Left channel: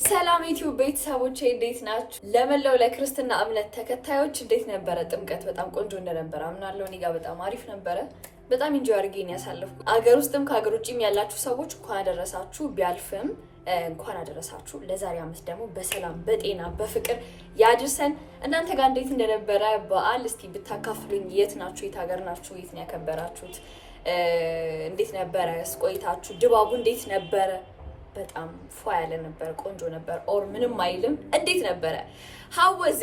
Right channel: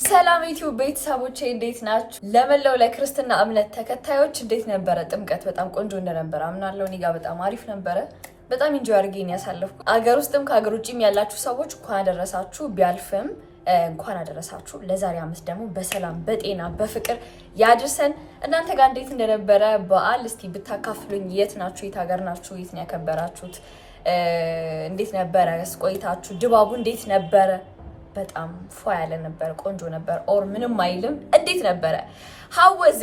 ሰላም ዩቲዩብ ቤተሰቦቼ እንዴት ናችሁ? ለመላው ለክርስትና እምነት ተከታዮች እንዴት ነበረ ጥምቀት? በጣም ቆንጆ እንደነበረ አምናለሁ። እኔ ጋር በጣም አሪፍ ነበረ። በጣም ኢንጆይ አድርጌን ያሳለፍኩት። አገር ውስጥም ከሀገር ውጭም ያላችሁ ሰዎች እንኳን አደረሳችሁ። ቢያልፍም እንኳን አደረሳችሁ። ለዛሬ ዓመት ደግሞ በሰላም በጤና በፍቅር ያድርሰን። እናንተ ጋር እንዴት እንደነበረ በዓል እስቲ ብታካፍሉኝ። የት ናችሁ? የት ሀገር ናችሁ? የት ነው ያከበራችሁት? እንዴት ነበረ ቆይታችሁ? ድባቡ እንዴት ነበረ? በጣም ፏ ያለ ነበር፣ ቆንጆ ነበር። ኦር ምንም አይልም። እንዴት ነበረ? how was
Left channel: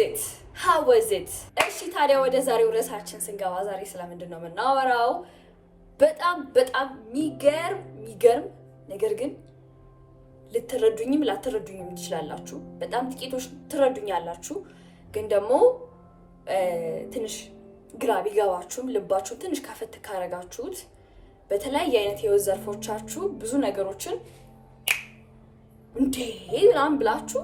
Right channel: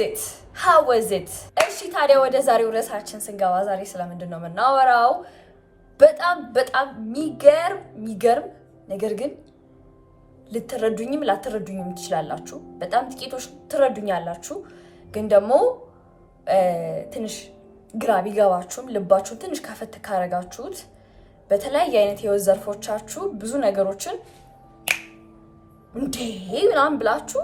it? እሺ ታዲያ ወደ ዛሬው ርዕሳችን ስንገባ ዛሬ ስለምንድን ነው የምናወራው? በጣም የሚገርም ነገር ግን ልትረዱኝም ላትረዱኝም ትችላላችሁ። በጣም ጥቂቶች ትረዱኛላችሁ፣ ግን ደግሞ ትንሽ ግራ ቢገባችሁም ልባችሁን ትንሽ ከፈት ካረጋችሁት በተለያየ አይነት የህይወት ዘርፎቻችሁ ብዙ ነገሮችን እንዴ ምናምን ብላችሁ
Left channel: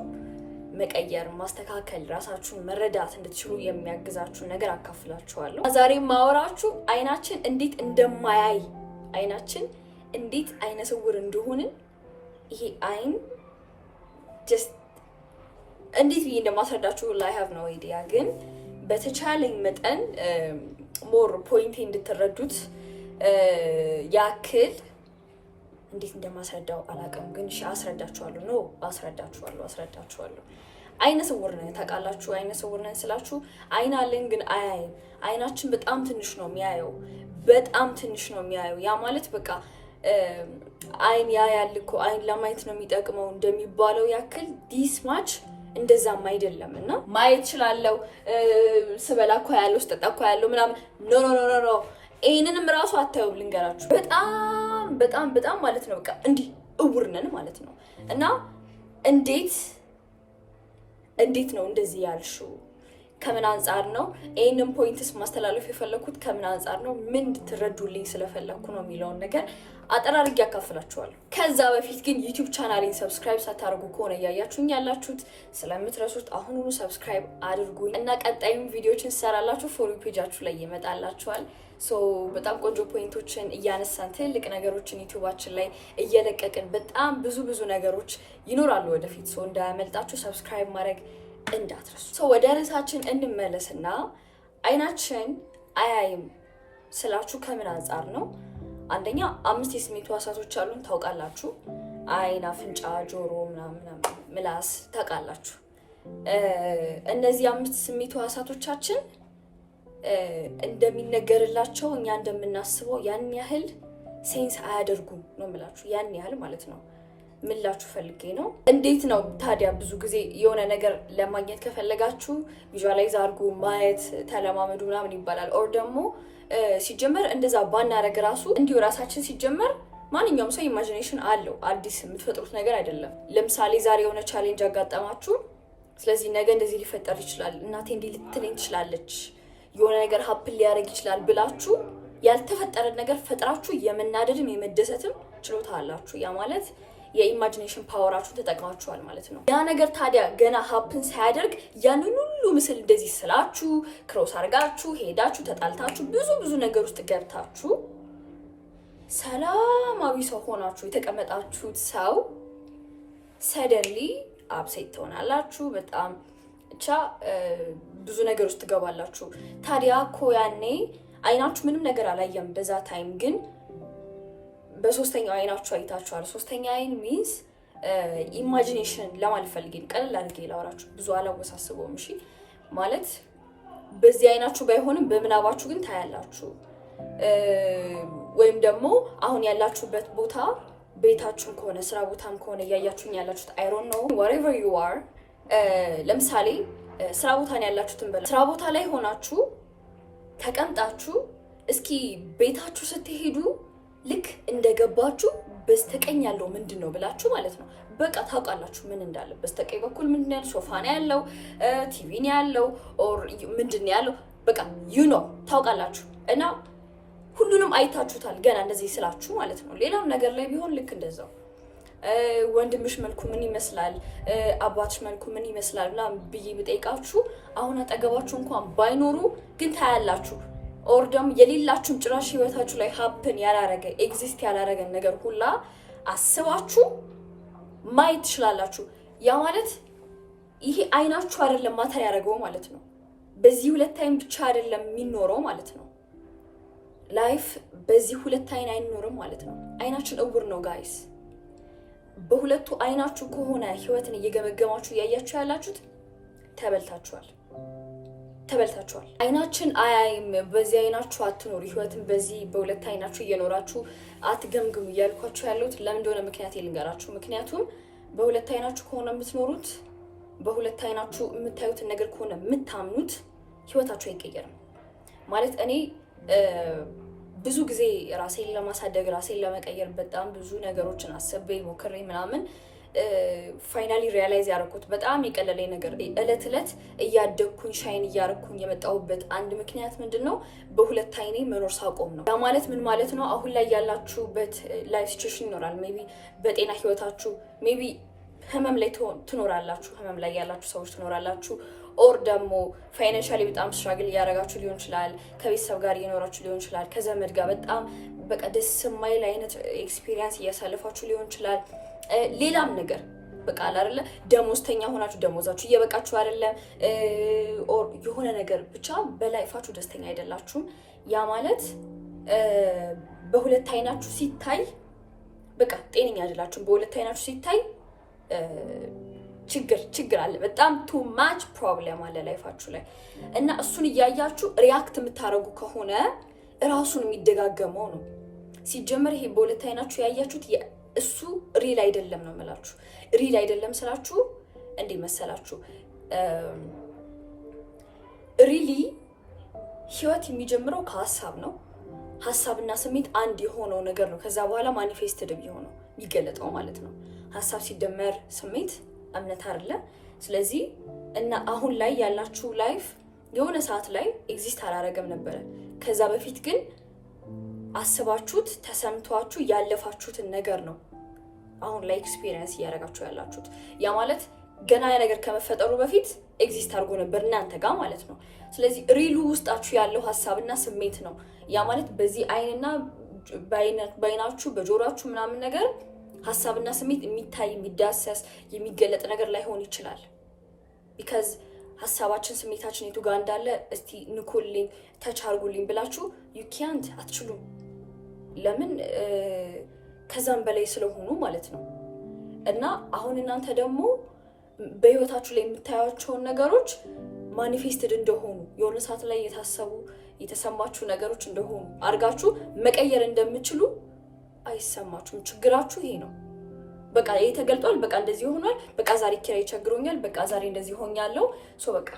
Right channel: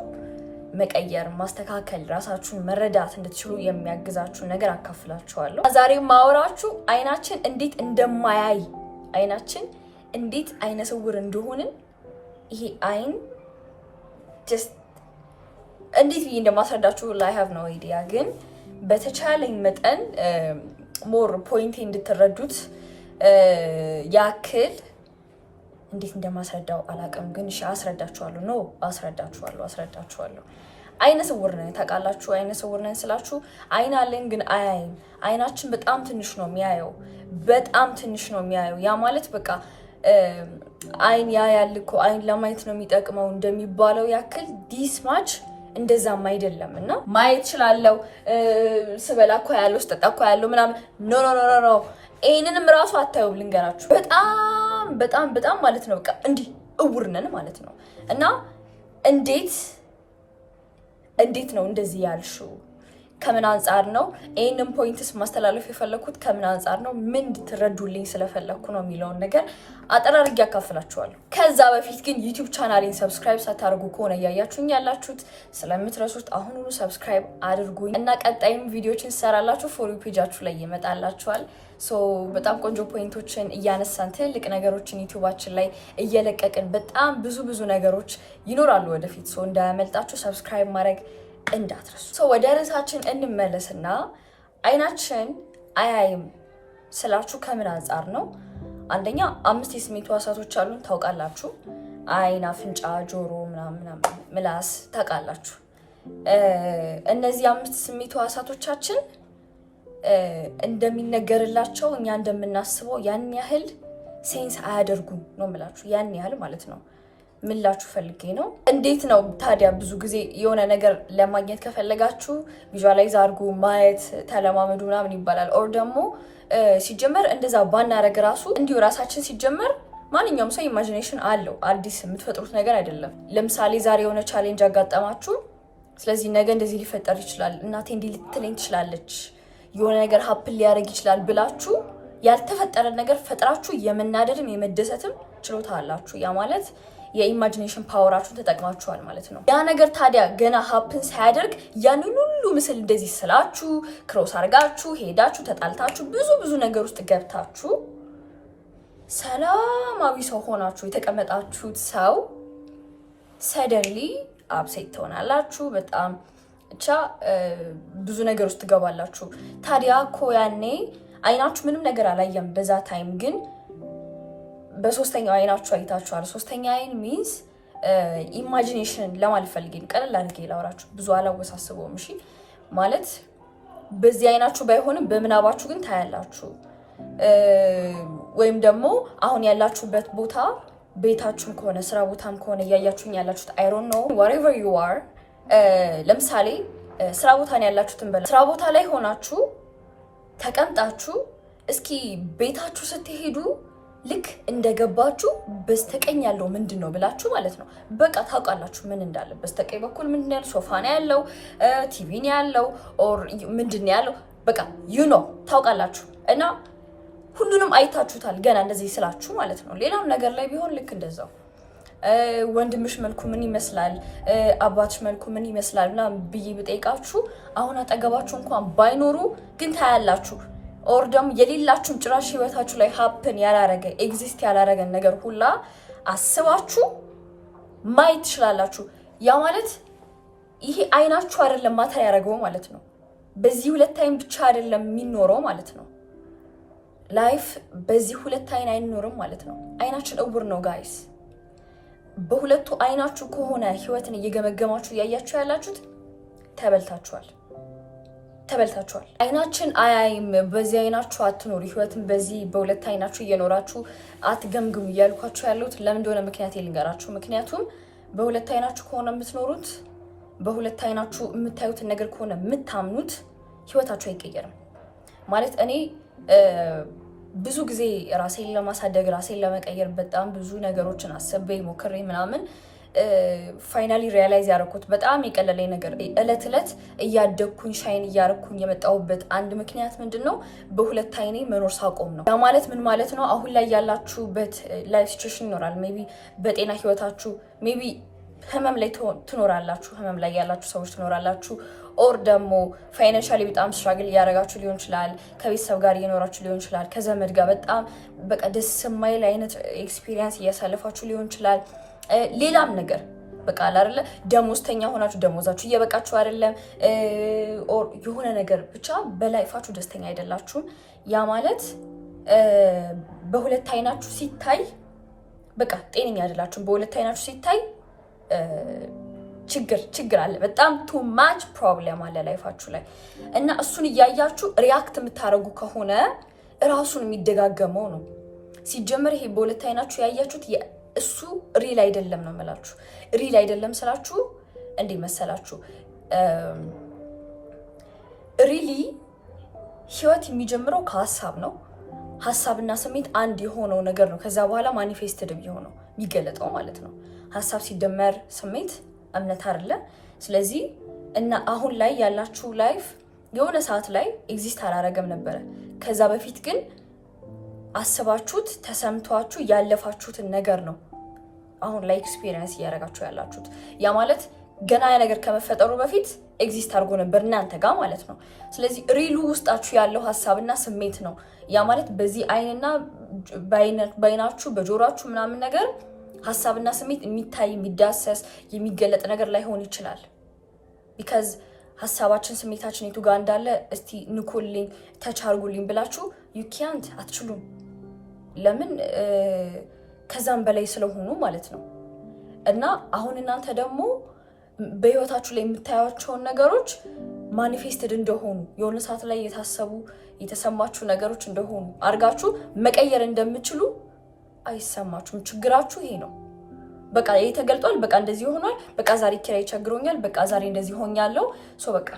መቀየር፣ ማስተካከል፣ ራሳችሁን መረዳት እንድትችሉ የሚያግዛችሁ ነገር አካፍላችኋለሁ። ዛሬ ማወራችሁ አይናችን እንዴት እንደማያይ፣ አይናችን እንዴት አይነ ስውር እንደሆንን፣ ይሄ አይን ጀስት እንዴት ብዬ እንደማስረዳችሁ ላይ ሃቭ ኖ አይዲያ፣ ግን በተቻለኝ መጠን ሞር ፖይንቴ እንድትረዱት ያክል እንዴት እንደማስረዳው አላውቅም፣ ግን እሺ አስረዳችኋለሁ። አስረዳችኋለሁ። አይነ ስውር ነን ታውቃላችሁ። አይነ ስውር ነን ስላችሁ አይን አለን ግን አያይም። አይናችን በጣም ትንሽ ነው የሚያየው፣ በጣም ትንሽ ነው የሚያየው። ያ ማለት በቃ አይን ያያል እኮ አይን ለማየት ነው የሚጠቅመው እንደሚባለው ያክል ዲስ ማች እንደዛም አይደለም። እና ማየት እችላለሁ፣ ስበላ እኮ ያለው ስጠጣ እኮ ያለው ምናምን ኖ ይሄንንም ራሱ አታዩም። ልንገራችሁ በጣም ማለት ነው በቃ እንዲህ እውር ነን ማለት ነው። እና እንዴት ነው እንደዚህ ያልሽው? ከምን አንጻር ነው ይሄንን ፖይንትስ ማስተላለፍ የፈለኩት? ከምን አንጻር ነው? ምን እንድትረዱልኝ ስለፈለኩ ነው የሚለውን ነገር አጠር አድርጌ ያካፍላችኋለሁ። ከዛ በፊት ግን ዩቲዩብ ቻናሌን ሰብስክራይብ ሳታደርጉ ከሆነ እያያችሁኝ ያላችሁት ስለምትረሱት አሁኑኑ ሰብስክራይብ አድርጉኝ እና ቀጣይም ቪዲዮችን ሰራላችሁ ፎሎ ፔጃችሁ ላይ ይመጣላችኋል። በጣም ቆንጆ ፖይንቶችን እያነሳን ትልቅ ነገሮችን ዩቲዩባችን ላይ እየለቀቅን በጣም ብዙ ነገሮች ይኖራሉ ወደፊት። እንዳያመልጣችሁ ሰብስክራይብ ማድረግ እንዳትረሱ። ወደ ርዕሳችን እንመለስና አይናችን አያይም ስላችሁ ከምን አንጻር ነው? አንደኛ 5 የስሜት ሕዋሳቶች አሉን ታውቃላችሁ። አይን፣ አፍንጫ፣ ጆሮ፣ ምናምን ምላስ ታውቃላችሁ። እነዚህ 5 ስሜት ሕዋሳቶቻችን እንደሚነገርላቸው እኛ እንደምናስበው ያን ያህል ሴንስ አያደርጉም ነው የምላችሁ። ያን ያህል ማለት ነው። ምላችሁ ፈልጌ ነው። እንዴት ነው ታዲያ? ብዙ ጊዜ የሆነ ነገር ለማግኘት ከፈለጋችሁ ቪዥዋላይዝ አድርጉ፣ ማየት ተለማመዱ ምናምን ይባላል። ኦር ደግሞ ሲጀመር እንደዛ ባናረግ ራሱ እንዲሁ ራሳችን ሲጀመር ማንኛውም ሰው ኢማጂኔሽን አለው። አዲስ የምትፈጥሩት ነገር አይደለም። ለምሳሌ ዛሬ የሆነ ቻሌንጅ አጋጠማችሁ። ስለዚህ ነገ እንደዚህ ሊፈጠር ይችላል፣ እናቴ እንዲህ ልትለኝ ትችላለች፣ የሆነ ነገር ሀፕን ሊያደርግ ይችላል ብላችሁ ያልተፈጠረ ነገር ፈጥራችሁ የመናደድም የመደሰትም ችሎታ አላችሁ። ያ ማለት የኢማጂኔሽን ፓወራችሁን ተጠቅማችኋል ማለት ነው። ያ ነገር ታዲያ ገና ሀፕን ሳያደርግ ያንን ሁሉ ምስል እንደዚህ ስላችሁ ክሮስ አድርጋችሁ ሄዳችሁ ተጣልታችሁ ብዙ ነገር ውስጥ ገብታችሁ ሰላማዊ ሰው ሆናችሁ የተቀመጣችሁት ሰው ሰደንሊ አፕሴት ትሆናላችሁ። በጣም ብቻ ብዙ ነገር ውስጥ ትገባላችሁ። ታዲያ እኮ ያኔ አይናችሁ ምንም ነገር አላየም። በዛ ታይም ግን በሶስተኛው አይናችሁ አይታችኋል። ሶስተኛ አይን ሚንስ ኢማጂኔሽን ለማለት ፈልጌ ቀለል አድርጌ ላወራችሁ፣ ብዙ አላወሳስበውም። እሺ ማለት በዚህ አይናችሁ ባይሆንም በምናባችሁ ግን ታያላችሁ። ወይም ደግሞ አሁን ያላችሁበት ቦታ ቤታችሁም ከሆነ ስራ ቦታም ከሆነ እያያችሁኝ ያላችሁት አይ ዶንት ኖ wherever you are። ለምሳሌ ስራ ቦታ ነው ያላችሁትን በላ ስራ ቦታ ላይ ሆናችሁ ተቀምጣችሁ እስኪ ቤታችሁ ስትሄዱ ልክ እንደገባችሁ በስተቀኝ ያለው ምንድን ነው ብላችሁ ማለት ነው በቃ ታውቃላችሁ ምን እንዳለ። በስተቀኝ በኩል ምንድን ነው ያለው? ሶፋ ነው ያለው፣ ቲቪ ነው ያለው፣ ኦር ምንድን ነው ያለው? በቃ ታውቃላችሁ። እና ሁሉንም አይታችሁታል ገና እንደዚህ ስላችሁ ማለት ነው። ሌላም ነገር ላይ ቢሆን ልክ እንደዛው ወንድምሽ መልኩ ምን ይመስላል፣ አባትሽ መልኩ ምን ይመስላል ምናምን ብዬ ብጠይቃችሁ አሁን አጠገባችሁ እንኳን ባይኖሩ ግን ታያላችሁ። ኦር ደግሞ የሌላችሁም ጭራሽ ህይወታችሁ ላይ ሀፕን ያላረገ ኤግዚስት ያላረገን ነገር ሁላ አስባችሁ ማየት ትችላላችሁ። ያ ማለት ይሄ አይናችሁ አይደለም ማተር ያደረገው ማለት ነው። በዚህ ሁለት አይን ብቻ አይደለም የሚኖረው ማለት ነው። ላይፍ በዚህ ሁለት አይን አይኖርም ማለት ነው። አይናችን እውር ነው ጋይስ። በሁለቱ አይናችሁ ከሆነ ህይወትን እየገመገማችሁ እያያችሁ ያላችሁት ተበልታችኋል። አይናችን አያይም፣ በዚህ አይናችሁ አትኖሩ፣ ህይወትን በዚህ በሁለት አይናችሁ እየኖራችሁ አትገምግሙ እያልኳችሁ ያሉት ለምን እንደሆነ ምክንያት ልንገራችሁ። ምክንያቱም በሁለት አይናችሁ ከሆነ የምትኖሩት፣ በሁለት አይናችሁ የምታዩትን ነገር ከሆነ የምታምኑት ህይወታችሁ አይቀየርም ማለት። እኔ ብዙ ጊዜ ራሴን ለማሳደግ ራሴን ለመቀየር በጣም ብዙ ነገሮችን አስቤ ሞክሬ ምናምን ፋይናሊ ሪያላይዝ ያደረኩት በጣም የቀለለኝ ነገር እለት እለት እያደግኩኝ ሻይን እያደረኩኝ የመጣሁበት አንድ ምክንያት ምንድን ነው? በሁለት አይኔ መኖር ሳቆም ነው። ያ ማለት ምን ማለት ነው? አሁን ላይ ያላችሁበት ላይፍ ሲቹዌሽን ይኖራል። ሜቢ በጤና ህይወታችሁ ሜቢ ህመም ላይ ትኖራላችሁ፣ ህመም ላይ ያላችሁ ሰዎች ትኖራላችሁ። ኦር ደግሞ ፋይናንሻሊ በጣም ስትራግል እያደረጋችሁ ሊሆን ይችላል። ከቤተሰብ ጋር እየኖራችሁ ሊሆን ይችላል። ከዘመድ ጋር በጣም በቃ ደስ የማይል አይነት ኤክስፒሪየንስ እያሳለፋችሁ ሊሆን ይችላል። ሌላም ነገር በቃ አይደለ ደሞዝተኛ ሆናችሁ ደሞዛችሁ እየበቃችሁ አይደለም፣ ኦር የሆነ ነገር ብቻ በላይፋችሁ ደስተኛ አይደላችሁም። ያ ማለት በሁለት አይናችሁ ሲታይ በቃ ጤነኛ አይደላችሁም። በሁለት አይናችሁ ሲታይ ችግር አለ። በጣም ቱ ማች ፕሮብለም አለ ላይፋችሁ ላይ እና እሱን እያያችሁ ሪያክት የምታደርጉ ከሆነ እራሱን የሚደጋገመው ነው። ሲጀመር ይሄ በሁለት አይናችሁ ያያችሁት እሱ ሪል አይደለም ነው የምላችሁ። ሪል አይደለም ስላችሁ እንዲህ መሰላችሁ፣ ሪሊ ህይወት የሚጀምረው ከሀሳብ ነው። ሀሳብና ስሜት አንድ የሆነው ነገር ነው። ከዛ በኋላ ማኒፌስትድ የሆነው የሚገለጠው ማለት ነው። ሀሳብ ሲደመር ስሜት እምነት አይደለ? ስለዚህ እና አሁን ላይ ያላችሁ ላይፍ የሆነ ሰዓት ላይ ኤግዚስት አላረገም ነበረ። ከዛ በፊት ግን አስባችሁት ተሰምቷችሁ ያለፋችሁትን ነገር ነው አሁን ላይ ኤክስፒሪየንስ እያደረጋችሁ ያላችሁት። ያ ማለት ገና ያ ነገር ከመፈጠሩ በፊት ኤግዚስት አድርጎ ነበር እናንተ ጋር ማለት ነው። ስለዚህ ሪሉ ውስጣችሁ ያለው ሀሳብና ስሜት ነው። ያ ማለት በዚህ አይንና በአይናችሁ በጆሯችሁ ምናምን ነገር ሀሳብና ስሜት የሚታይ የሚዳሰስ የሚገለጥ ነገር ላይሆን ይችላል። ቢካዝ ሀሳባችን ስሜታችን የቱ ጋር እንዳለ እስቲ ንኩልኝ ተቻርጉልኝ ብላችሁ ዩ ካንት አትችሉም። ለምን? ከዛም በላይ ስለሆኑ ማለት ነው። እና አሁን እናንተ ደግሞ በህይወታችሁ ላይ የምታዩቸውን ነገሮች ማኒፌስትድ እንደሆኑ የሆነ ሰዓት ላይ የታሰቡ የተሰማችሁ ነገሮች እንደሆኑ አድርጋችሁ መቀየር እንደምችሉ አይሰማችሁም። ችግራችሁ ይሄ ነው። በቃ ይሄ ተገልጧል፣ በቃ እንደዚህ ሆኗል፣ በቃ ዛሬ ኪራይ ቸግሮኛል፣ በቃ ዛሬ እንደዚህ ሆኛለሁ፣ በቃ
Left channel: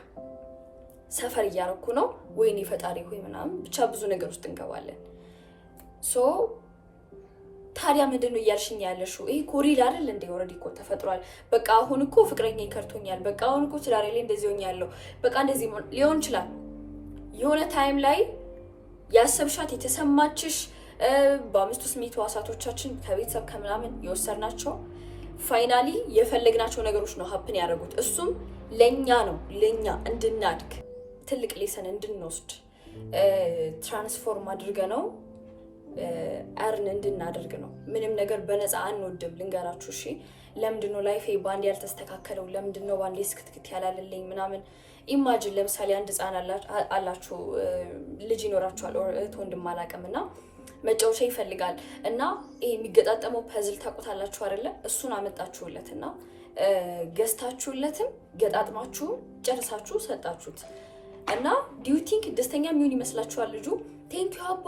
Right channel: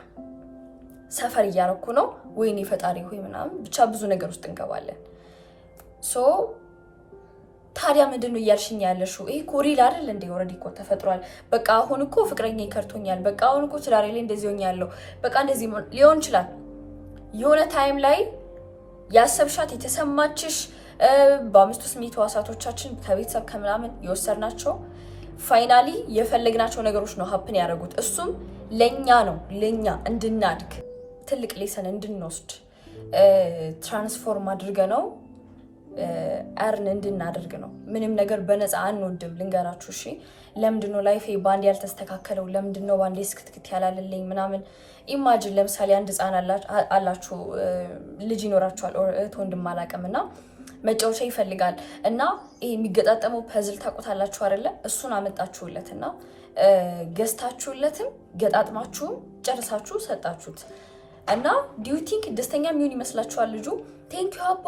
ሰፈር እያረኩ ነው፣ ወይኔ ፈጣሪ ሆይ ምናምን ብቻ ብዙ ነገር ውስጥ እንገባለን። ታዲያ ምንድን ነው እያልሽኝ ያለሽው? ይሄ እኮ ሪል አይደል እንዴ? ኦልሬዲ እኮ ተፈጥሯል። በቃ አሁን እኮ ፍቅረኛ ይከርቶኛል፣ በቃ አሁን እኮ ትዳሬ ላይ እንደዚህ ሆኛለሁ፣ በቃ እንደዚህ ሊሆን ይችላል። የሆነ ታይም ላይ ያሰብሻት የተሰማችሽ በአምስቱ ስሜት ህዋሳቶቻችን ከቤተሰብ ከምናምን የወሰድናቸው ፋይናሊ የፈለግናቸው ነገሮች ነው ሀፕን ያደረጉት። እሱም ለኛ ነው፣ ለኛ እንድናድግ ትልቅ ሌሰን እንድንወስድ ትራንስፎርም አድርገ ነው አርን እንድናደርግ ነው። ምንም ነገር በነፃ አንወድም። ልንገራችሁ እሺ። ለምንድነው ላይፌ ባንድ ያልተስተካከለው? ለምንድነው ባንዴ ስክትክት ያላለልኝ ምናምን? ኢማጂን ለምሳሌ አንድ ህፃን አላችሁ፣ ልጅ ይኖራችኋል፣ እህት ወንድም አላውቅም፣ እና መጫወቻ ይፈልጋል እና ይሄ የሚገጣጠመው ፐዝል ታውቁታላችሁ አይደለ? እሱን አመጣችሁለት እና ገዝታችሁለትም ገጣጥማችሁም ጨርሳችሁ ሰጣችሁት እና ዲዩ ቲንክ ደስተኛ የሚሆን ይመስላችኋል ልጁ? ቴንኪዩ አባ፣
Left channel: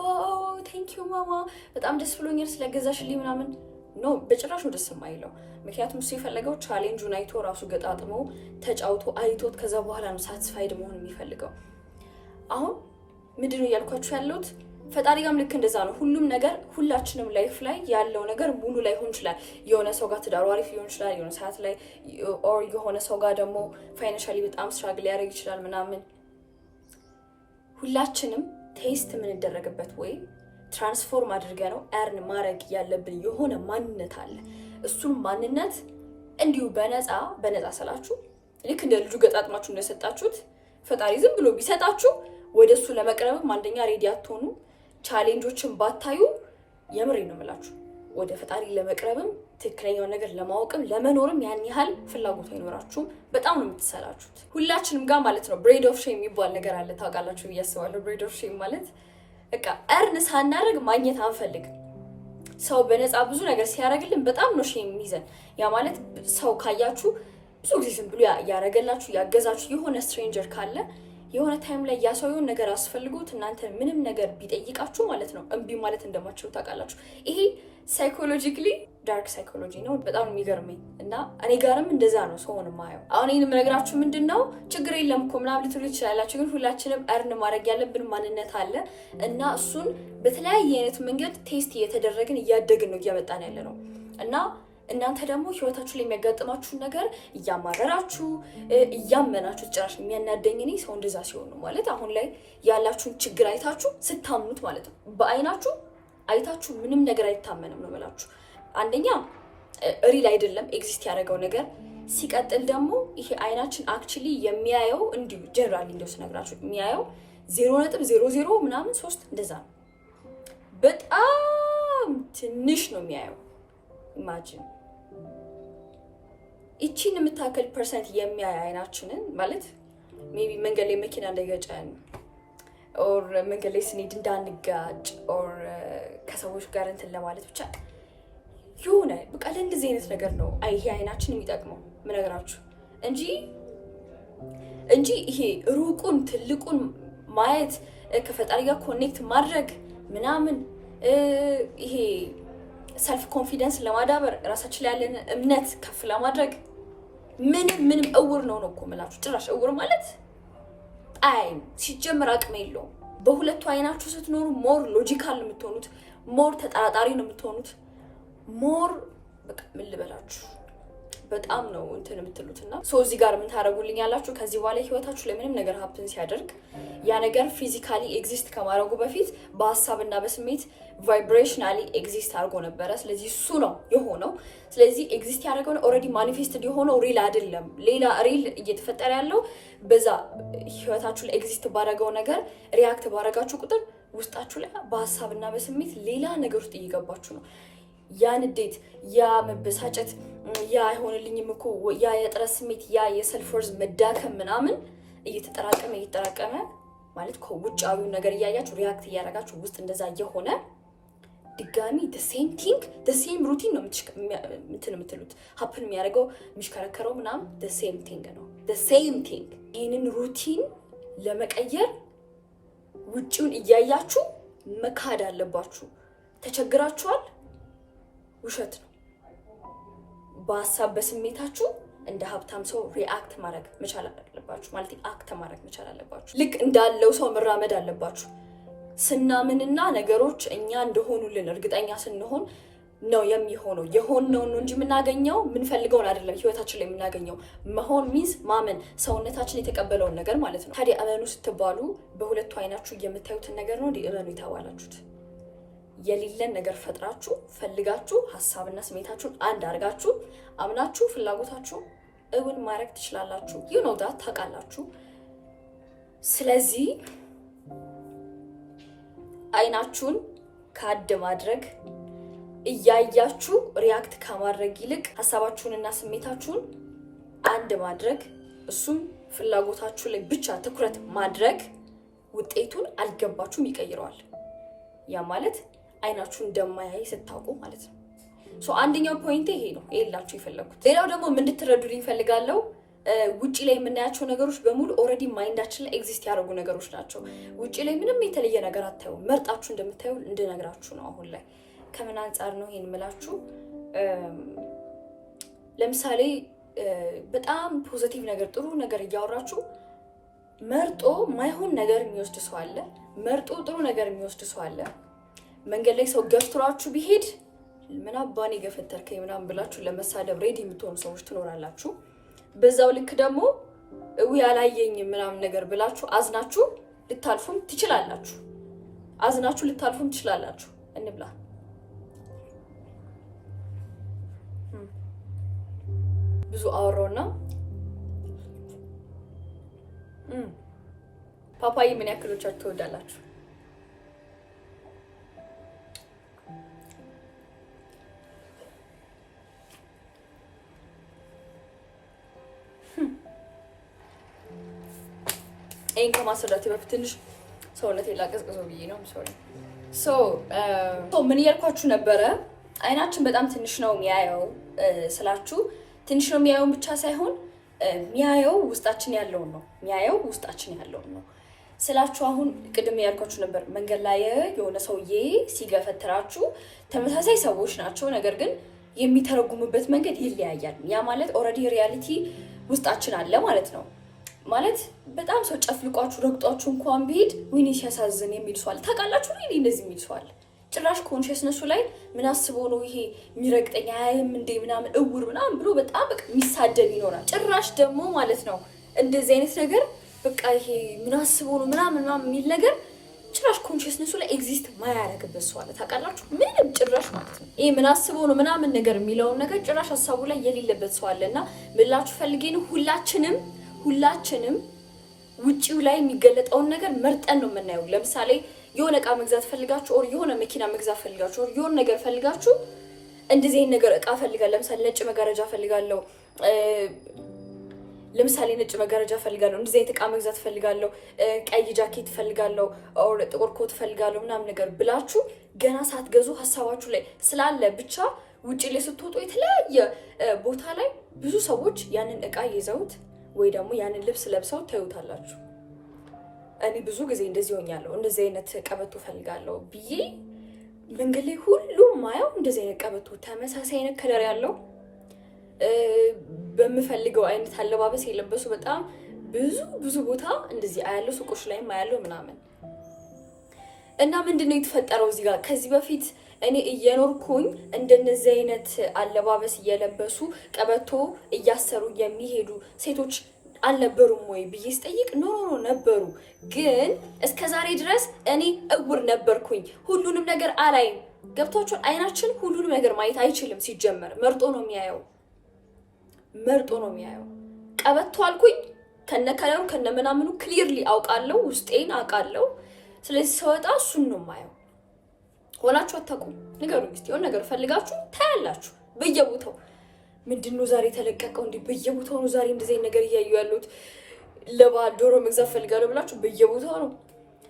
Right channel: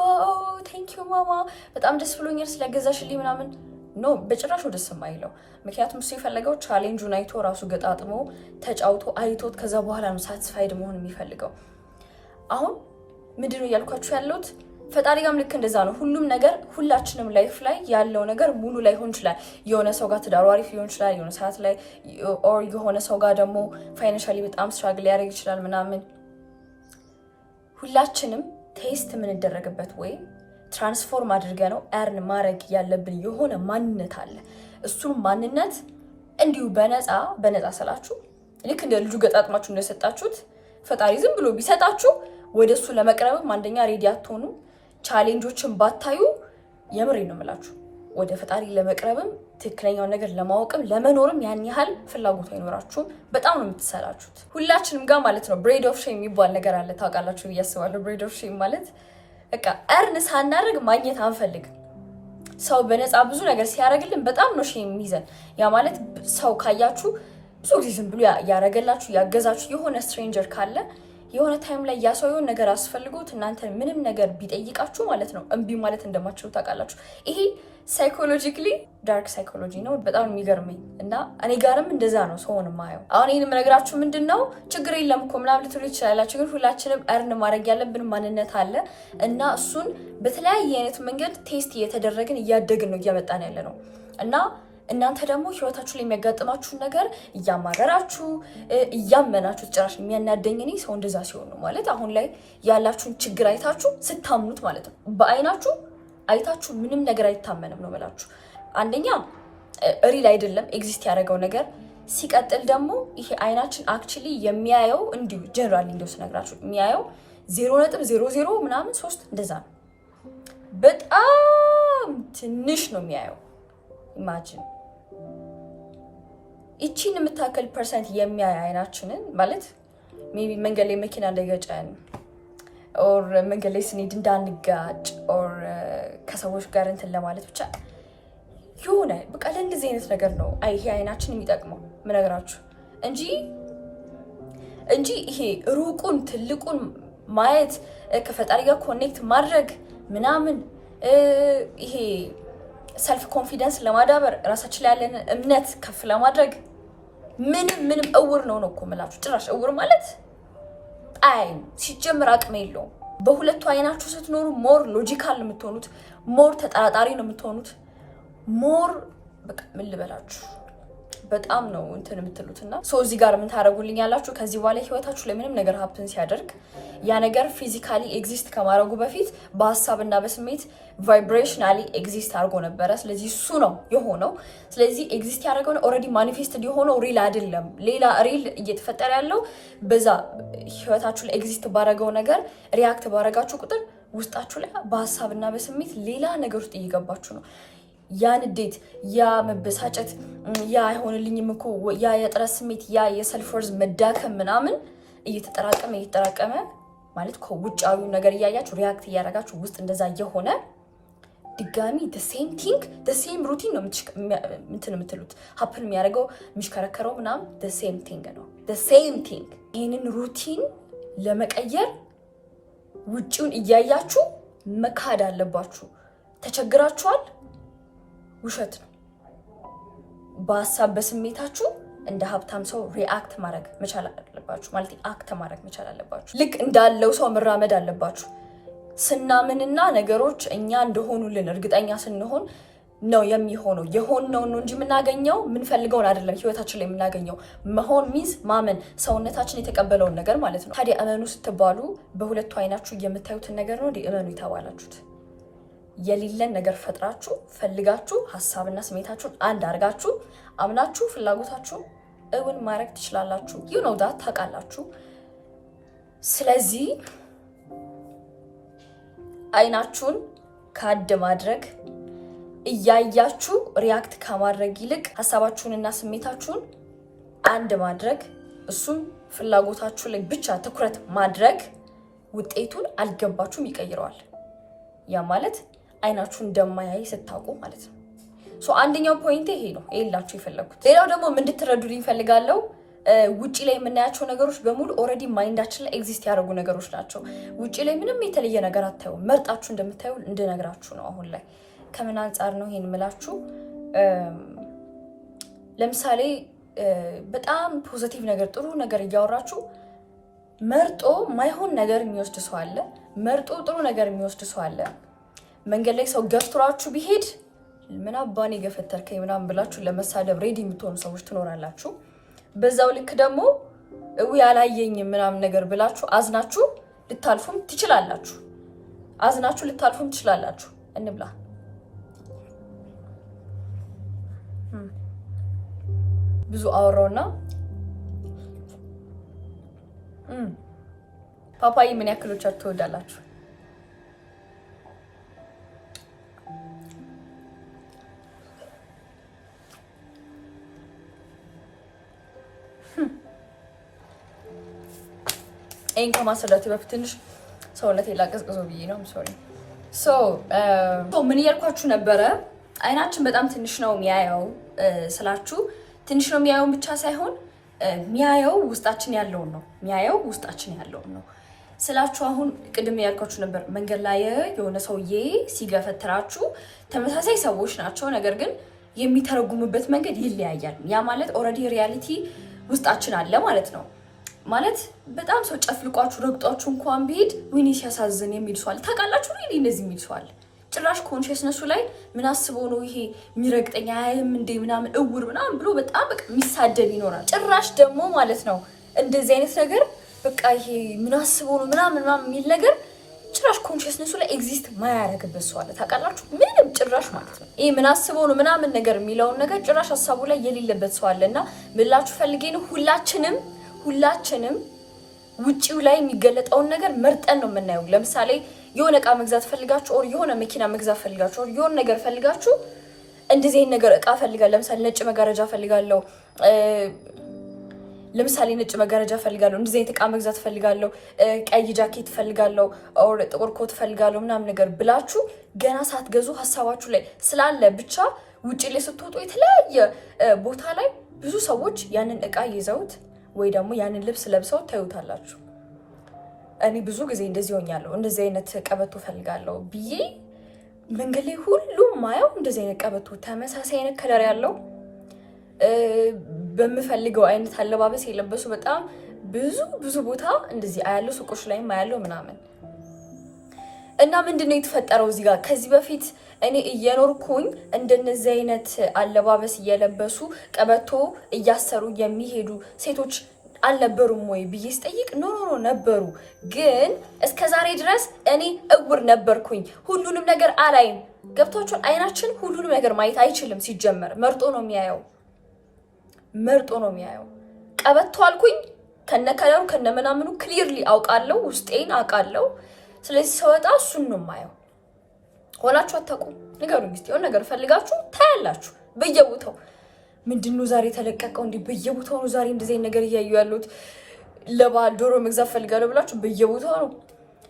ቴንኪዩ ማማ፣ በጣም ደስ ብሎኛል ስለገዛሽልኝ ምናምን። ኖ በጭራሽ ደስ የማይለው። ምክንያቱም እሱ የፈለገው ቻሌንጁን አይቶ ራሱ ገጣጥሞ ተጫውቶ አይቶት ከዛ በኋላ ነው ሳቲስፋይድ መሆን የሚፈልገው። አሁን ምንድን ነው እያልኳችሁ ያለሁት? ፈጣሪ ጋርም ልክ እንደዛ ነው። ሁሉም ነገር ሁላችንም ላይፍ ላይ ያለው ነገር ሙሉ ላይሆን ይችላል። የሆነ ሰው ጋር ትዳሩ አሪፍ ሊሆን ይችላል፣ የሆነ ሰዓት ላይ ኦር የሆነ ሰው ጋር ደግሞ ፋይናንሻሊ በጣም ስትራግል ሊያደርግ ይችላል ምናምን። ሁላችንም ቴስት የምንደረግበት ወይም ትራንስፎርም አድርገ ነው ኤርን ማድረግ ያለብን የሆነ ማንነት አለ። እሱን ማንነት እንዲሁ በነፃ ስላችሁ ልክ እንደ ልጁ ገጣጥማችሁ እንደሰጣችሁት ፈጣሪ ዝም ብሎ ቢሰጣችሁ ወደ እሱ ለመቅረብም አንደኛ ሬዲ አትሆኑ። ቻሌንጆችን ባታዩ የምሬ ነው የምላችሁ ወደ ፈጣሪ ለመቅረብም ትክክለኛው ነገር ለማወቅም ለመኖርም ያን ያህል ፍላጎት አይኖራችሁም። በጣም ነው የምትሰላችሁት ሁላችንም ጋር ማለት ነው። ብሬድ ኦፍ ሼም የሚባል ነገር አለ ታውቃላችሁ ብዬ አስባለሁ። ብሬድ ኦፍ ሼም ማለት በቃ እርን ሳናደርግ ማግኘት አንፈልግም። ሰው በነፃ ብዙ ነገር ሲያደርግልን በጣም ነው ሼም የሚይዘን። ያ ማለት ሰው ካያችሁ ብዙ ጊዜ ዝም ብሎ ያደረገላችሁ ያገዛችሁ የሆነ ስትሬንጀር ካለ የሆነ ታይም ላይ ያ ሰው የሆነ ነገር አስፈልጎት እናንተ ምንም ነገር ቢጠይቃችሁ ማለት ነው እምቢ ማለት እንደማትችሉ ታውቃላችሁ። ይሄ ሳይኮሎጂካሊ ዳርክ ሳይኮሎጂ ነው። በጣም የሚገርመኝ እና እኔ ጋርም እንደዛ ነው ሰውን ማየው። አሁን ይህን የምነግራችሁ ምንድን ነው ችግር የለም እኮ ምናምን ልትሉ ይችላላችሁ፣ ግን ሁላችንም እርን ማድረግ ያለብን ማንነት አለ እና እሱን በተለያየ አይነት መንገድ ቴስት እየተደረግን እያደግን ነው እያመጣን ያለ ነው እና እናንተ ደግሞ ህይወታችሁ ላይ የሚያጋጥማችሁን ነገር እያማረራችሁ እያመናችሁ ጭራሽ የሚያናደኝ እኔ ሰው እንደዛ ሲሆን ነው ማለት አሁን ላይ ያላችሁን ችግር አይታችሁ ስታምኑት ማለት ነው። በአይናችሁ አይታችሁ ምንም ነገር አይታመንም ነው ብላችሁ አንደኛ ሪል አይደለም ኤግዚስት ያደረገው ነገር። ሲቀጥል ደግሞ ይሄ አይናችን አክቹሊ የሚያየው እንዲሁ ጀነራሊ እንደው ስነግራችሁ የሚያየው 0.00 ምናምን 3 እንደዛ ነው። በጣም ትንሽ ነው የሚያየው። ኢማጂን እቺን የምታከል ፐርሰንት የሚያይ አይናችንን ማለት ሜቢ መንገድ ላይ መኪና እንዳይገጨን ኦር መንገድ ላይ ስንሄድ እንዳንጋጭ ኦር ከሰዎች ጋር እንትን ለማለት ብቻ የሆነ በቃ ለእንደዚህ አይነት ነገር ነው ይሄ አይናችን የሚጠቅመው ምነግራችሁ እንጂ ይሄ ሩቁን ትልቁን ማየት ከፈጣሪ ጋር ኮኔክት ማድረግ ምናምን ይሄ ሰልፍ ኮንፊደንስ ለማዳበር ራሳችን ላይ ያለን እምነት ከፍ ለማድረግ ምንም እውር ነው እኮ የምላችሁ። ጭራሽ እውር ማለት አይን ሲጀምር አቅም የለውም። በሁለቱ አይናችሁ ስትኖሩ ሞር ሎጂካል ነው የምትሆኑት፣ ሞር ተጠራጣሪ ነው የምትሆኑት፣ ሞር በቃ ምን ልበላችሁ በጣም ነው እንትን የምትሉትና እዚህ ጋር ምን ታደርጉልኝ ያላችሁ ከዚህ በኋላ ህይወታችሁ ላይ ምንም ነገር ሀፕን ሲያደርግ ያ ነገር ፊዚካሊ ኤግዚስት ከማድረጉ በፊት በሀሳብና በስሜት ቫይብሬሽናሊ ኤግዚስት አድርጎ ነበረ። ስለዚህ እሱ ነው የሆነው። ስለዚህ ኤግዚስት ያደረገው ነው ኦልሬዲ ማኒፌስትድ የሆነው ሪል አይደለም። ሌላ ሪል እየተፈጠረ ያለው በዛ ህይወታችሁ ላይ ኤግዚስት ባደረገው ነገር ሪያክት ባደረጋችሁ ቁጥር ውስጣችሁ ላይ በሀሳብና በስሜት ሌላ ነገር ውስጥ እየገባችሁ ነው። ያ ንዴት፣ ያ መበሳጨት፣ ያ አይሆንልኝም እኮ ያ የጥረት ስሜት፣ ያ የሰልፍ ወርዝ መዳከም ምናምን እየተጠራቀመ ማለት ከውጫዊው ነገር እያያችሁ ሪያክት እያደረጋችሁ ውስጥ እንደዛ እየሆነ ድጋሚ ሴም ቲንግ ሴም ሩቲን ነው እንትን የምትሉት ሀፕን የሚያደርገው የሚሽከረከረው ምናምን ሴም ቲንግ ነው ሴም ቲንግ። ይህንን ሩቲን ለመቀየር ውጭውን እያያችሁ መካድ አለባችሁ። ተቸግራችኋል፣ ውሸት ነው። በሀሳብ በስሜታችሁ እንደ ሀብታም ሰው ሪአክት ማድረግ መቻል አለባችሁ። ማለት አክት ማድረግ መቻል አለባችሁ። ልክ እንዳለው ሰው መራመድ አለባችሁ። ስናምንና ነገሮች እኛ እንደሆኑልን እርግጠኛ ስንሆን ነው የሚሆነው። የሆነው ነው እንጂ የምናገኘው የምንፈልገውን አይደለም። ህይወታችን ላይ የምናገኘው መሆን ሚዝ ማመን፣ ሰውነታችን የተቀበለውን ነገር ማለት ነው። ታዲያ እመኑ ስትባሉ በሁለቱ አይናችሁ የምታዩትን ነገር ነው እመኑ የተባላችሁት። የሌለን ነገር ፈጥራችሁ ፈልጋችሁ ሀሳብና ስሜታችሁን አንድ አድርጋችሁ አምናችሁ ፍላጎታችሁ እውን ማድረግ ትችላላችሁ። ዩ ኖው ዳት ታውቃላችሁ። ስለዚህ አይናችሁን ካድ ማድረግ እያያችሁ ሪያክት ከማድረግ ይልቅ ሀሳባችሁንና ስሜታችሁን አንድ ማድረግ እሱም ፍላጎታችሁ ላይ ብቻ ትኩረት ማድረግ ውጤቱን አልገባችሁም ይቀይረዋል። ያ ማለት አይናችሁ እንደማያይ ስታውቁ ማለት ነው። አንደኛው ፖይንት ይሄ ነው ይላችሁ የፈለኩት። ሌላው ደግሞ ምን እንድትረዱልኝ ፈልጋለሁ፣ ውጪ ላይ የምናያቸው ነገሮች በሙሉ ኦልሬዲ ማይንዳችን ላይ ኤግዚስት ያደረጉ ነገሮች ናቸው። ውጪ ላይ ምንም የተለየ ነገር አታዩ፣ መርጣችሁ እንደምታዩ እንድነግራችሁ ነው። አሁን ላይ ከምን አንጻር ነው ይሄን የምላችሁ? ለምሳሌ በጣም ፖዚቲቭ ነገር ጥሩ ነገር እያወራችሁ መርጦ ማይሆን ነገር የሚወስድ ሰው አለ፣ መርጦ ጥሩ ነገር የሚወስድ ሰው አለ። መንገድ ላይ ሰው ገፍትሯችሁ ቢሄድ ምን አባኔ ገፈተርከኝ ምናምን ብላችሁ ለመሳደብ ሬዲ የምትሆኑ ሰዎች ትኖራላችሁ። በዛው ልክ ደግሞ ያላየኝ ምናምን ነገር ብላችሁ አዝናችሁ ልታልፉም ትችላላችሁ። እንብላ። ብዙ አወራውና ፓፓዬ ምን ያክሎቻችሁ ትወዳላችሁ? ይሄን ከማስረዳቴ በፊት ትንሽ ሰውነቴ ላቀዝቅዞ ብዬ ነው። ሶሪ ምን እያልኳችሁ ነበረ? አይናችን በጣም ትንሽ ነው የሚያየው ስላችሁ ትንሽ ነው የሚያየውን ብቻ ሳይሆን የሚያየው ውስጣችን ያለውን ነው ስላችሁ። አሁን ቅድም ያልኳችሁ ነበር መንገድ ላይ የሆነ ሰውዬ ሲገፈትራችሁ ተመሳሳይ ሰዎች ናቸው፣ ነገር ግን የሚተረጉሙበት መንገድ ይለያያል። ያ ማለት ኦልሬዲ ሪያሊቲ ውስጣችን አለ ማለት ነው። ማለት በጣም ሰው ጨፍልቋችሁ ረግጧችሁ እንኳን ቢሄድ ወይኔ ሲያሳዝን የሚል ሰው አለ። ታውቃላችሁ ነው እንደዚህ የሚል ሰው አለ። ጭራሽ ኮንሽስነሱ ላይ ምን አስበው ነው ይሄ የሚረግጠኝ አይም እንደ ምናምን እውር ምናምን ብሎ በጣም በቃ የሚሳደብ ይኖራል። ጭራሽ ደግሞ ማለት ነው እንደዚህ አይነት ነገር በቃ ይሄ ምን አስበው ነው ምናምን የሚል ነገር ጭራሽ ኮንሽስነሱ ላይ ኤግዚስት ማያደርግበት ሰው አለ። ታውቃላችሁ ምንም ጭራሽ ማለት ነው ይሄ ምን አስበው ነው ምናምን ነገር የሚለውን ነገር ጭራሽ ሀሳቡ ላይ የሌለበት ሰው አለና ምላችሁ ፈልጌ ነው ሁላችንም ውጪው ላይ የሚገለጠውን ነገር መርጠን ነው የምናየው። ለምሳሌ የሆነ እቃ መግዛት ፈልጋችሁ ኦር የሆነ መኪና መግዛት ፈልጋችሁ ኦር የሆነ ነገር ፈልጋችሁ እንደዚህ አይነት ነገር እቃ ፈልጋለሁ። ለምሳሌ ነጭ መጋረጃ ፈልጋለሁ፣ እንደዚህ አይነት እቃ መግዛት ፈልጋለሁ፣ ቀይ ጃኬት ፈልጋለሁ ኦር ጥቁር ኮት ፈልጋለሁ ምናምን ነገር ብላችሁ ገና ሳትገዙ ሀሳባችሁ ላይ ስላለ ብቻ ውጪ ላይ ስትወጡ የተለያየ ቦታ ላይ ብዙ ሰዎች ያንን እቃ ይዘውት ወይ ደግሞ ያንን ልብስ ለብሰው ታዩታላችሁ። እኔ ብዙ ጊዜ እንደዚህ ሆኛለሁ። እንደዚህ አይነት ቀበቶ ፈልጋለሁ ብዬ መንገድ ላይ ሁሉም ማየው እንደዚህ አይነት ቀበቶ ተመሳሳይ አይነት ከለር ያለው በምፈልገው አይነት አለባበስ የለበሱ በጣም ብዙ ቦታ እንደዚህ አያለው፣ ሱቆች ላይም አያለው ምናምን። እና ምንድነው የተፈጠረው እዚህ ጋር? ከዚህ በፊት እኔ እየኖርኩኝ እንደነዚህ አይነት አለባበስ እየለበሱ ቀበቶ እያሰሩ የሚሄዱ ሴቶች አልነበሩም ወይ ብዬ ስጠይቅ ኖ ነበሩ። ግን እስከዛሬ ድረስ እኔ እውር ነበርኩኝ። ሁሉንም ነገር አላይም። ገብቷችኋል? አይናችን ሁሉንም ነገር ማየት አይችልም። ሲጀመር መርጦ ነው የሚያየው። ቀበቶ አልኩኝ ከነከለሩ ከነምናምኑ ክሊርሊ አውቃለሁ፣ ውስጤን አውቃለሁ። ስለዚህ ሰወጣ እሱን ነው የማየው። ሆናችሁ አታውቁም? ንገሩኝ እስኪ። የሆነ ነገር ፈልጋችሁ ታያላችሁ በየቦታው። ምንድነው ዛሬ ተለቀቀው እንዴ? በየቦታው ነው ዛሬ እንደዚህ ነገር እያዩ ያሉት። ለበዓል ዶሮ መግዛት ፈልጋለሁ ብላችሁ በየቦታው ነው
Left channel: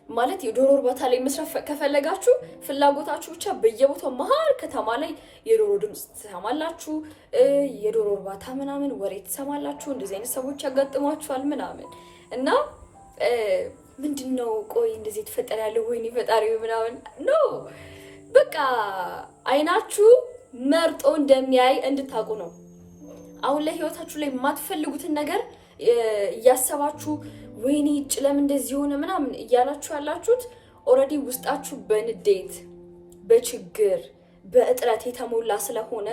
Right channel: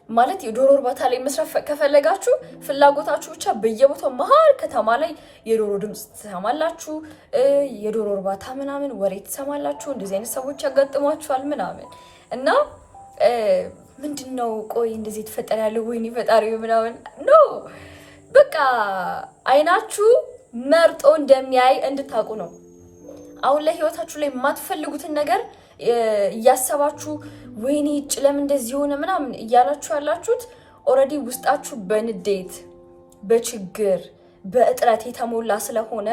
ማለት። የዶሮ እርባታ ላይ መስራት ከፈለጋችሁ ፍላጎታችሁ ብቻ በየቦታው መሀል ከተማ ላይ የዶሮ ድምፅ ትሰማላችሁ፣ የዶሮ እርባታ ምናምን ወሬ ትሰማላችሁ። እንደዚህ አይነት ሰዎች ያጋጥሟችኋል ምናምን እና ምንድነው ቆይ እንደዚህ የተፈጠረ ያለው ወይኔ ፈጣሪ ምናምን ነው። በቃ አይናችሁ መርጦ እንደሚያይ እንድታውቁ ነው። አሁን ላይ ህይወታችሁ ላይ የማትፈልጉትን ነገር እያሰባችሁ ወይኔ ጭለም እንደዚህ ሆነ ምናምን እያላችሁ ያላችሁት ኦልሬዲ ውስጣችሁ በንዴት፣ በችግር፣ በእጥረት የተሞላ ስለሆነ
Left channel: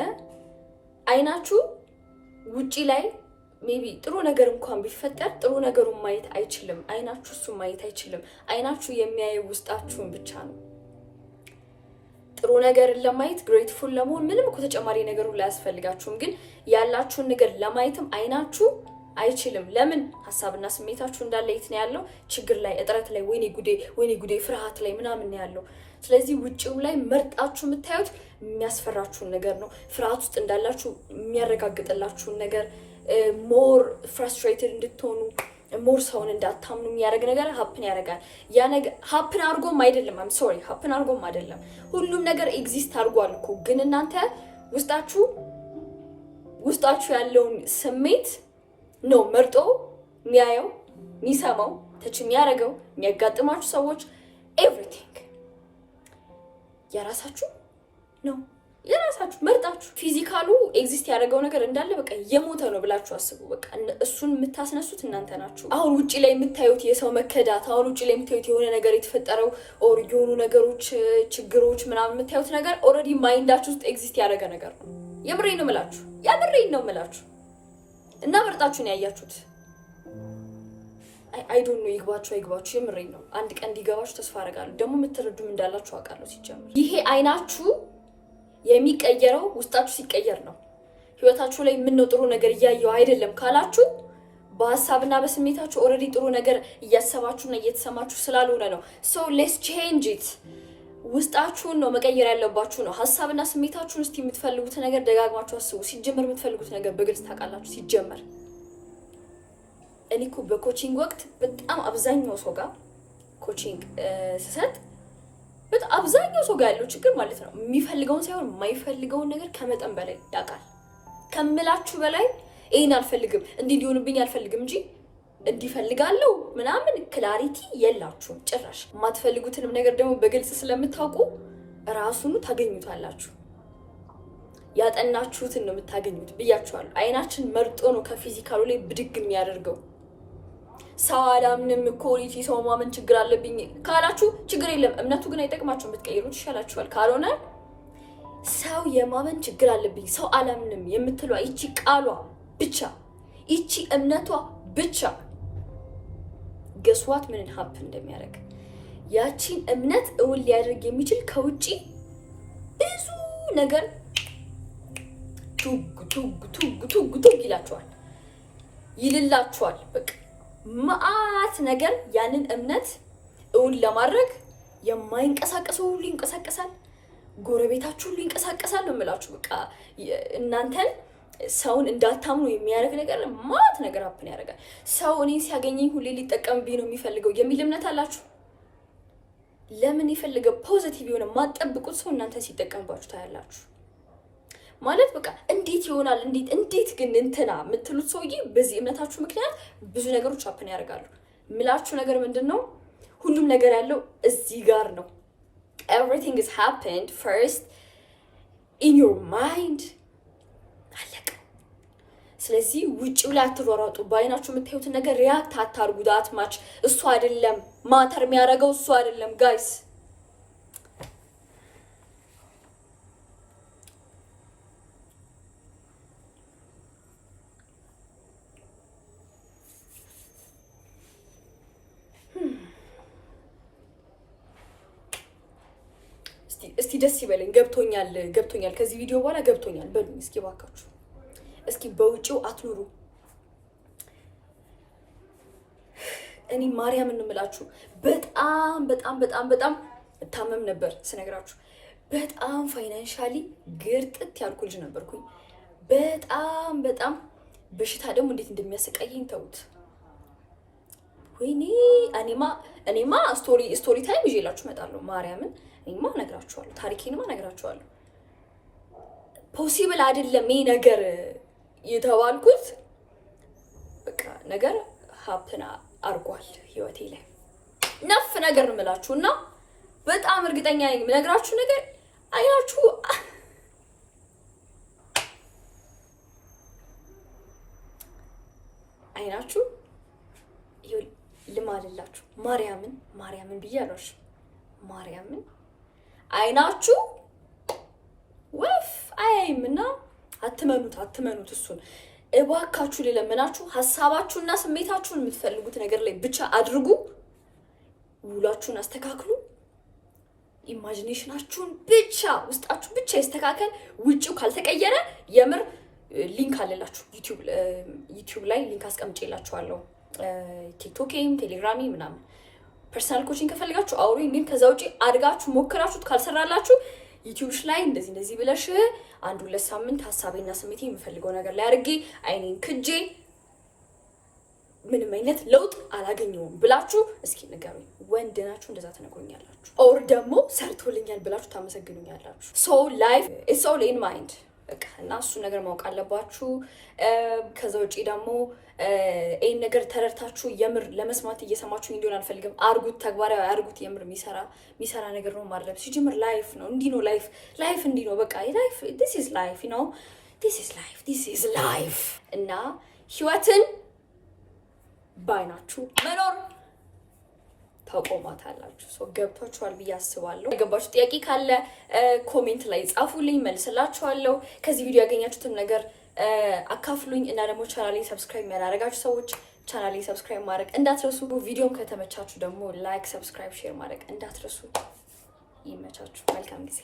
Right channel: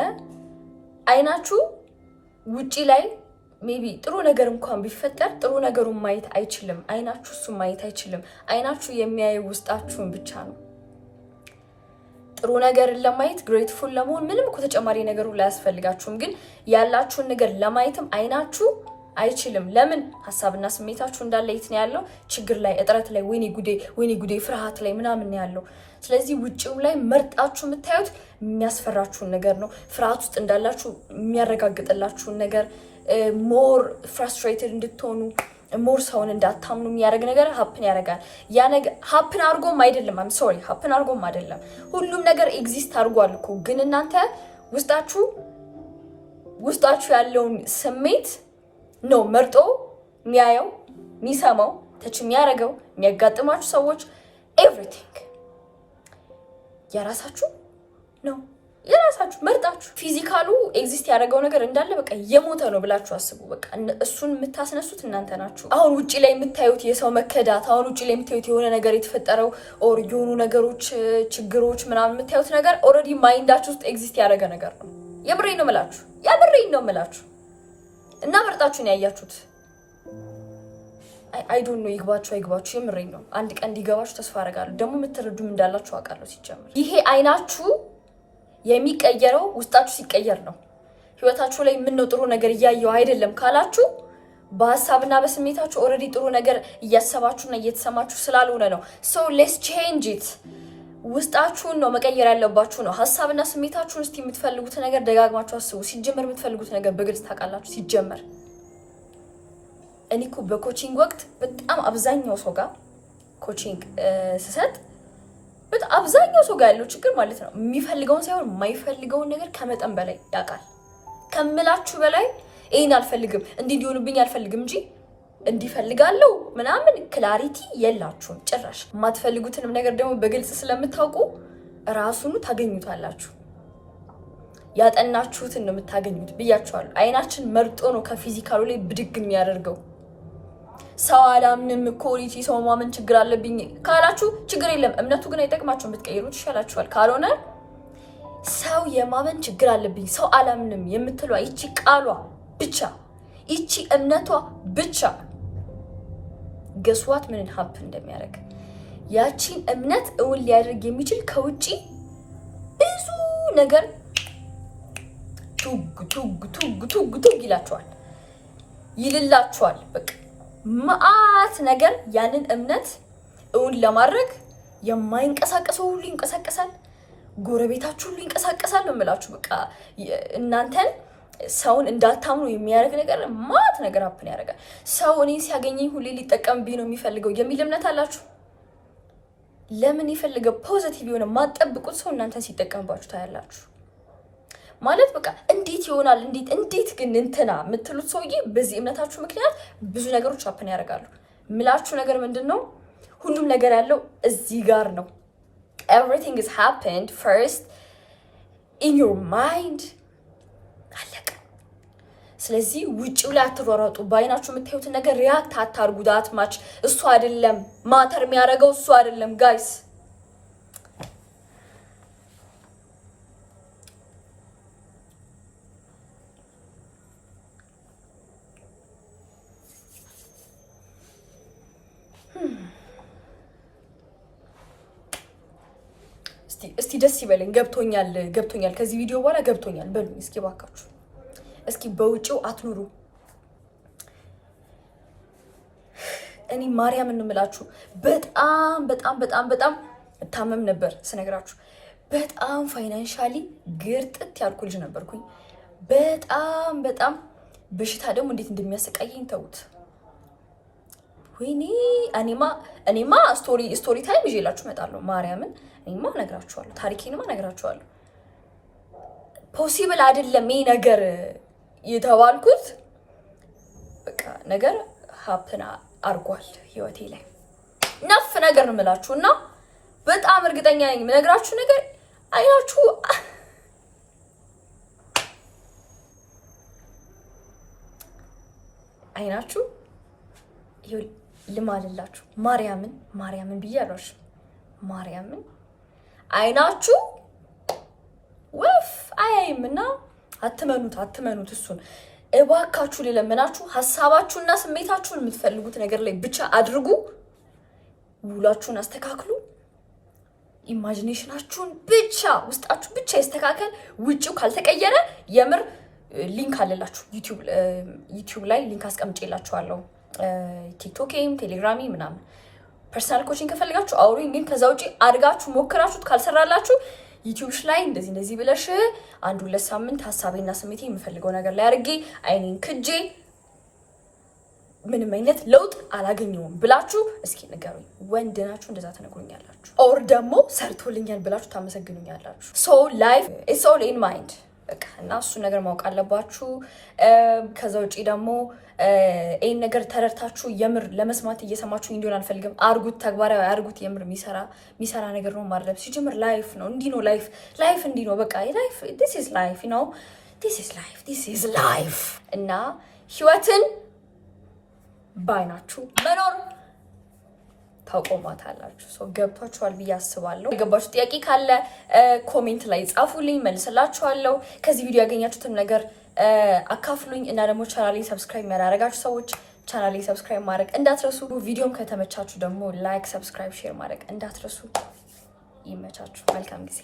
አይናችሁ ውጪ ላይ ሜቢ ጥሩ ነገር እንኳን ቢፈጠር ጥሩ ነገሩን ማየት አይችልም። አይናችሁ እሱን ማየት አይችልም። አይናችሁ የሚያየው ውስጣችሁን ብቻ ነው። ጥሩ ነገርን ለማየት ግሬትፉል ለመሆን ምንም እኮ ተጨማሪ ነገሩ ላይ አያስፈልጋችሁም። ግን ያላችሁን ነገር ለማየትም አይናችሁ አይችልም። ለምን? ሀሳብና ስሜታችሁ እንዳለ የት ነው ያለው? ችግር ላይ፣ እጥረት ላይ፣ ወይኔ ጉዴ ፍርሃት ላይ ምናምን ነው ያለው። ስለዚህ ውጪው ላይ መርጣችሁ የምታዩት የሚያስፈራችሁን ነገር ነው። ፍርሃት ውስጥ እንዳላችሁ የሚያረጋግጥላችሁን ነገር፣ ሞር ፍራስትሬትድ እንድትሆኑ፣ ሞር ሰውን እንዳታምኑ የሚያደርግ ነገር ሀፕን ያደርጋል። ያ ነገር ሀፕን አድርጎም አይደለም ሀፕን አድርጎም አይደለም። ሁሉም ነገር ኤግዚስት አድርጓል እኮ። ግን እናንተ ውስጣችሁ ያለውን ስሜት ነው መርጦ የሚያየው፣ የሚሰማው፣ ተች የሚያደርገው። የሚያጋጥማችሁ ሰዎች ኤቭሪቲንግ የራሳችሁ ነው። የራሳችሁ መርጣችሁ ፊዚካሉ ኤግዚስት ያደረገው ነገር እንዳለ በቃ የሞተ ነው ብላችሁ አስቡ። በቃ እሱን የምታስነሱት እናንተ ናችሁ። አሁን ውጪ ላይ የምታዩት የሰው መከዳት፣ አሁን ውጪ ላይ የምታዩት የሆነ ነገር የተፈጠረው ኦር የሆኑ ነገሮች፣ ችግሮች ምናምን የምታዩት ነገር ኦልሬዲ ማይንዳችሁ ውስጥ ኤግዚስት ያደረገ ነገር ነው። የምሬን ነው የምላችሁ እና መርጣችሁን ያያችሁት። አይ ዶንት ኖ ይግባችሁ አይግባችሁ፣ የምሬን ነው። አንድ ቀን እንዲገባችሁ ተስፋ አደርጋለሁ። ደግሞ የምትረዱም እንዳላችሁ አውቃለሁ። ሲጀምር ይሄ አይናችሁ የሚቀየረው ውስጣችሁ ሲቀየር ነው። ህይወታችሁ ላይ ምነው ጥሩ ነገር እያየው አይደለም ካላችሁ በሀሳብና በስሜታችሁ ኦልሬዲ ጥሩ ነገር እያሰባችሁና እየተሰማችሁ ስላልሆነ ነው። ሶ ሌትስ ቼንጅ ኢት። ውስጣችሁን ነው መቀየር ያለባችሁ ነው። ሀሳብና ስሜታችሁን እስቲ የምትፈልጉት ነገር ደጋግማችሁ አስቡ። ሲጀመር የምትፈልጉት ነገር በግልጽ ታውቃላችሁ። ሲጀመር እኔ እኮ በኮቺንግ ወቅት በጣም አብዛኛው ሰው ጋር ኮቺንግ ስሰጥ በጣም አብዛኛው ሰው ጋር ያለው ችግር ማለት ነው የሚፈልገውን ሳይሆን የማይፈልገውን ነገር ከመጠን በላይ ያውቃል። ከምላችሁ በላይ ይሄን አልፈልግም እንዲህ እንዲሆንብኝ አልፈልግም እንጂ እንዲፈልጋለሁ ምናምን ክላሪቲ የላችሁም ጭራሽ። የማትፈልጉትንም ነገር ደግሞ በግልጽ ስለምታውቁ ራሱኑ ታገኙታላችሁ። ያጠናችሁትን ነው የምታገኙት ብያችኋለሁ። አይናችን መርጦ ነው ከፊዚካሉ ላይ ብድግ የሚያደርገው። ሰው አላምንም ኳሊቲ ሰው ማመን ችግር አለብኝ ካላችሁ ችግር የለም። እምነቱ ግን አይጠቅማችሁም፣ ብትቀይሩት ይሻላችኋል። ካልሆነ ሰው የማመን ችግር አለብኝ ሰው አላምንም የምትሏ ይቺ ቃሏ ብቻ ይቺ እምነቷ ብቻ ገስዋት ምንን ሀፕ እንደሚያደርግ ያቺን እምነት እውን ሊያደርግ የሚችል ከውጪ ብዙ ነገር ቱግ ቱግ ቱግ ቱግ ቱግ ይላችኋል፣ ይልላችኋል። በቃ ማአት ነገር ያንን እምነት እውን ለማድረግ የማይንቀሳቀሰው ሁሉ ይንቀሳቀሳል፣ ጎረቤታችሁ ሁሉ ይንቀሳቀሳል ነው የምላችሁ። በቃ እናንተን ሰውን እንዳታምኑ የሚያደርግ ነገር ማት ነገር ሀፕን ያደርጋል። ሰው እኔ ሲያገኘኝ ሁሌ ሊጠቀምብኝ ነው የሚፈልገው የሚል እምነት አላችሁ። ለምን የፈለገ ፖዚቲቭ የሆነ ማጠብቁት ሰው እናንተን ሲጠቀምባችሁ ታያላችሁ። ማለት በቃ እንዴት ይሆናል እንዴት ግን እንትና የምትሉት ሰውዬ በዚህ እምነታችሁ ምክንያት ብዙ ነገሮች ሀፕን ያደርጋሉ። ምላችሁ ነገር ምንድነው? ሁሉም ነገር ያለው እዚህ ጋር ነው። everything is happened first in your mind አለቀ። ስለዚህ ውጪው ላይ አትሯሯጡ። ባይናችሁ የምታዩትን ነገር ሪያክት አታርጉ። ዳትማች እሱ አይደለም ማተር የሚያደርገው እሱ አይደለም ጋይስ። እስቲ ደስ ይበለኝ። ገብቶኛል ከዚህ ቪዲዮ በኋላ ገብቶኛል በሉኝ እስኪ ባካችሁ። እስኪ በውጪው አትኑሩ። እኔ ማርያምን እንምላችሁ በጣም በጣም በጣም በጣም እታመም ነበር ስነግራችሁ። በጣም ፋይናንሻሊ ግርጥት ያልኩ ልጅ ነበርኩኝ። በጣም በጣም በሽታ ደግሞ እንዴት እንደሚያሰቃየኝ ተውት። ወይኔ እኔማ ስቶሪ ታይም ይዤላችሁ እመጣለሁ። ማርያምን እኔማ እነግራችኋለሁ፣ ታሪኬንማ እነግራችኋለሁ። ፖሲብል አይደለም ይሄ ነገር የተባልኩት በቃ ነገር ሀፕን አርጓል ህይወቴ ላይ ነፍ ነገር ነው የምላችሁና በጣም እርግጠኛ ነኝ የምነግራችሁ ነገር አይናችሁ ይኸው ልማልላችሁ ማርያምን ብያለሁ። ማርያምን አይናችሁ ወፍ አያይምና አትመኑት። እሱን እባካችሁ ልለምናችሁ፣ ሐሳባችሁና ስሜታችሁን የምትፈልጉት ነገር ላይ ብቻ አድርጉ። ውሏችሁን አስተካክሉ። ኢማጂኔሽናችሁን ብቻ ውስጣችሁ ብቻ ይስተካከል። ውጪው ካልተቀየረ የምር ሊንክ አለላችሁ ዩቲዩብ ላይ ሊንክ አስቀምጬላችኋለሁ። ቲክቶክም ቴሌግራሚ ምናምን ፐርሰናል ኮቺንግ ከፈልጋችሁ አውሩኝ። ግን ከዛ ውጪ አድርጋችሁ ሞክራችሁት ካልሰራላችሁ ዩቲዩብሽ ላይ እንደዚህ ብለሽ 1-2 ሳምንት ሐሳቤና ስሜቴ የምፈልገው ነገር ላይ አድርጌ አይኔን ክጄ ምንም አይነት ለውጥ አላገኘውም ብላችሁ እስኪ ንገሩኝ። ወንድ ናችሁ እንደዛ ተነግሩኛላችሁ፣ ኦር ደግሞ ሰርቶልኛል ብላችሁ ታመሰግኑኛላችሁ። ሶ ላይፍ ኢትስ ኦል ኢን ማይንድ በቃ እና እሱ ነገር ማወቅ አለባችሁ። ከዛ ውጪ ደግሞ ይሄን ነገር ተረድታችሁ የምር ለመስማት እየሰማችሁ እንዲሆን አልፈልግም። አርጉት፣ ተግባራዊ አርጉት። የምር የሚሰራ ነገር ነው ማድረግ ሲጀምር ላይፍ ነው። እንዲህ ነው ላይፍ እንዲህ ነው በቃ ላይፍ this is life you know this is life እና ህይወትን ባይናችሁ መኖር ታቆማታላችሁ። ሶ ገብቷችኋል ብዬ አስባለሁ። የገባችሁ ጥያቄ ካለ ኮሜንት ላይ ጻፉልኝ፣ መልስላችኋለሁ። ከዚህ ቪዲዮ ያገኛችሁትን ነገር አካፍሉኝ እና ደግሞ ቻናሌን ሰብስክራይብ ያላደረጋችሁ ሰዎች ቻናሌን ሰብስክራይብ ማድረግ እንዳትረሱ። ቪዲዮም ከተመቻችሁ ደግሞ ላይክ፣ ሰብስክራይብ፣ ሼር ማድረግ እንዳትረሱ። ይመቻችሁ። መልካም ጊዜ